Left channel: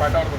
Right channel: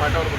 ಪಾಠ ಅವ್ರು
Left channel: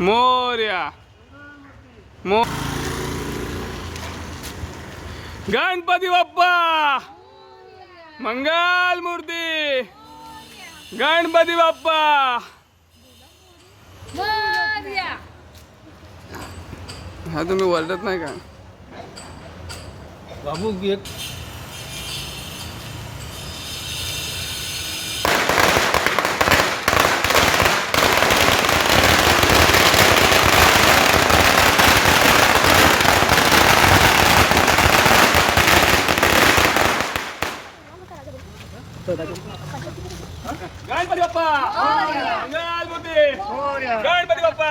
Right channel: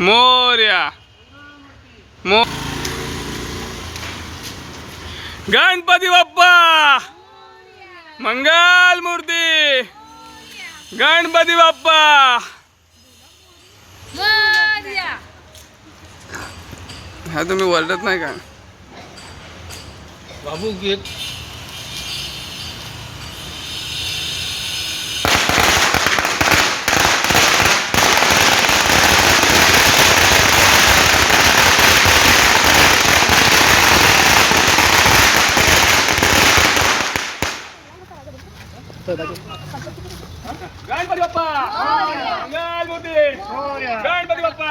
मोर्या. मो गणपती बाप्पा. मंगल मूर्ती. गणपती बाप्पा. हा तुम्ही ओरडत नाही का? बाबू घेत गणपती बाप्पा! मंगल मूर्ती गणपती बाप्पा!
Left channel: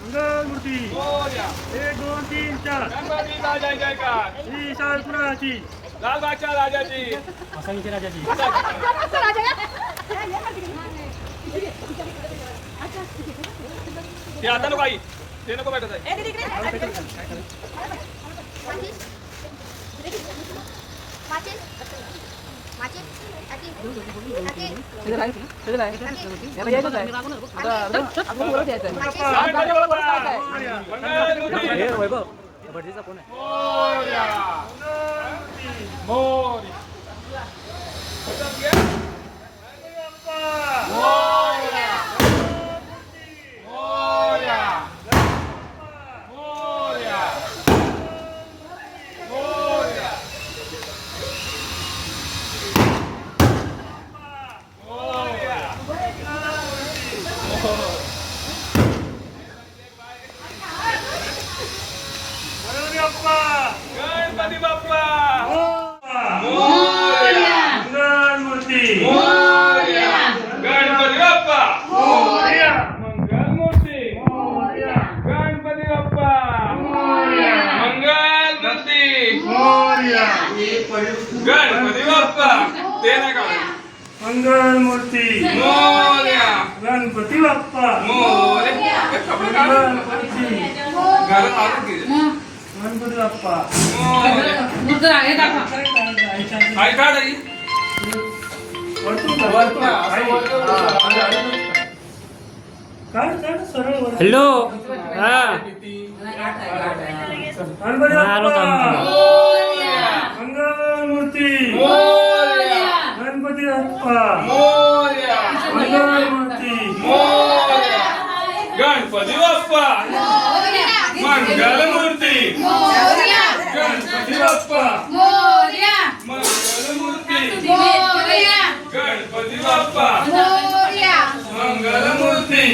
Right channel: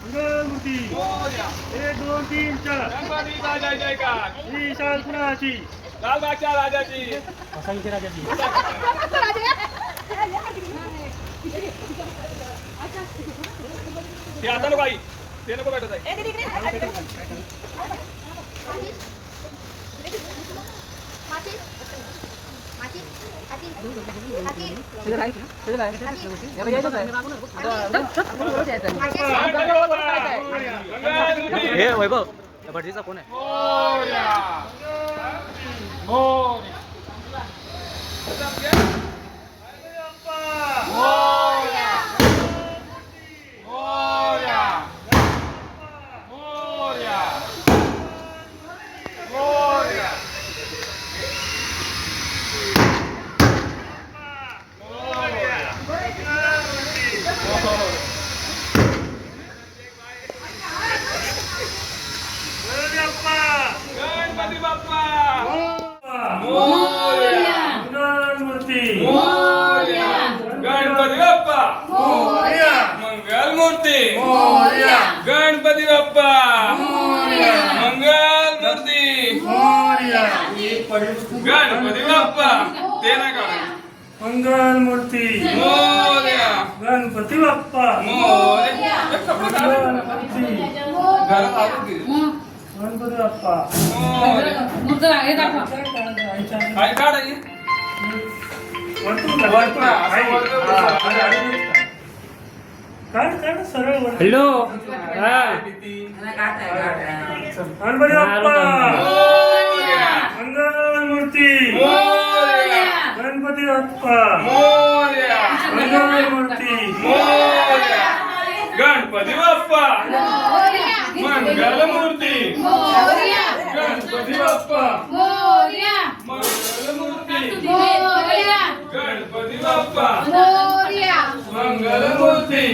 मंगलमूर्ती. एक दोन तीन चार. जय जयकार. श्री शालपुराची लालबागच्या राजाची. असांची राजाची. ते आता नको आई. ते नको भेटत आहे. हे वैभव भटजीचा कोण आहे मोर्या मोर्या मोर्या मोर्या मोर्या मोर्या गणपती बाप्पा गणपती बाप्पा मंगलमूर्ती मोर्या गणपती बाप्पा मोरया मंगल मूर्ती मोरया गणपती बाप्पा मंगल मूर्ती मोरया गणपती बाप्पा ते नाही काढायचं मंगलमूर्ती मोर्या गणपती बाप्पा मोर्या हे. गणपती घरात बाप्पा मोर्या. काय वर हॅलो हा गणपती बाप्पा. मंगलमूर्ती मोर्या. गणपती बाप्पा मोर्या. मंगलमूर्ती मोर्या. गणपती बाप्पा मंगल मूर्ती गणपती बाप्पा मंगल मूर्ती गणपती बाप्पा मंगल मूर्ती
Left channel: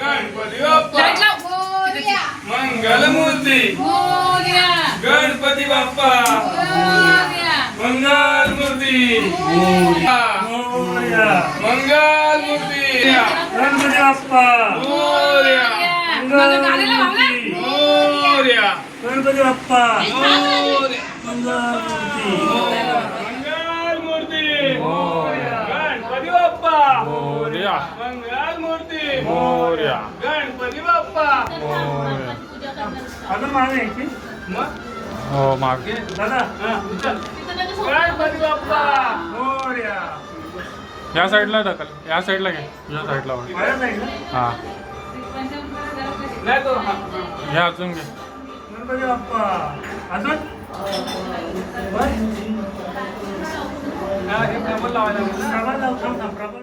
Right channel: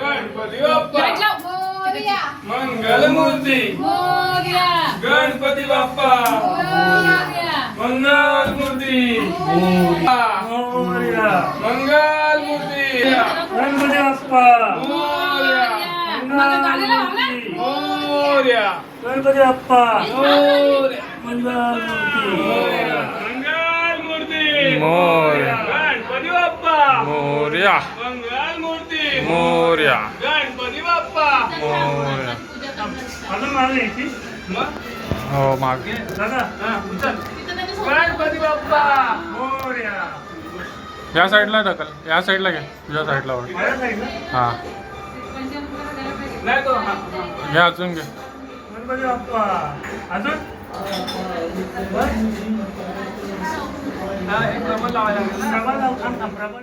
गणपती बाप्पा मंगल मूर्ती गणपती बाप्पा मंगल मूर्ती. मंगल मूर्ती. गणपती बाप्पा. मोर्या. मोर्या. गणपती बाप्पा. मंगल मूर्ती. मोर्या. गणपती मागे दादा हा. गणपती बाप्पा! मोर्या! या साईडला ढकल. या साईडला घे. या साईडला वळ माझ्या साईडला हा. नाही तो हा, हा. घे अजून घे गणपती बाप्पा! अजून? हा, हे लावायला लागेल ना? प्रबळ लाव थांब थांब. प्रबळ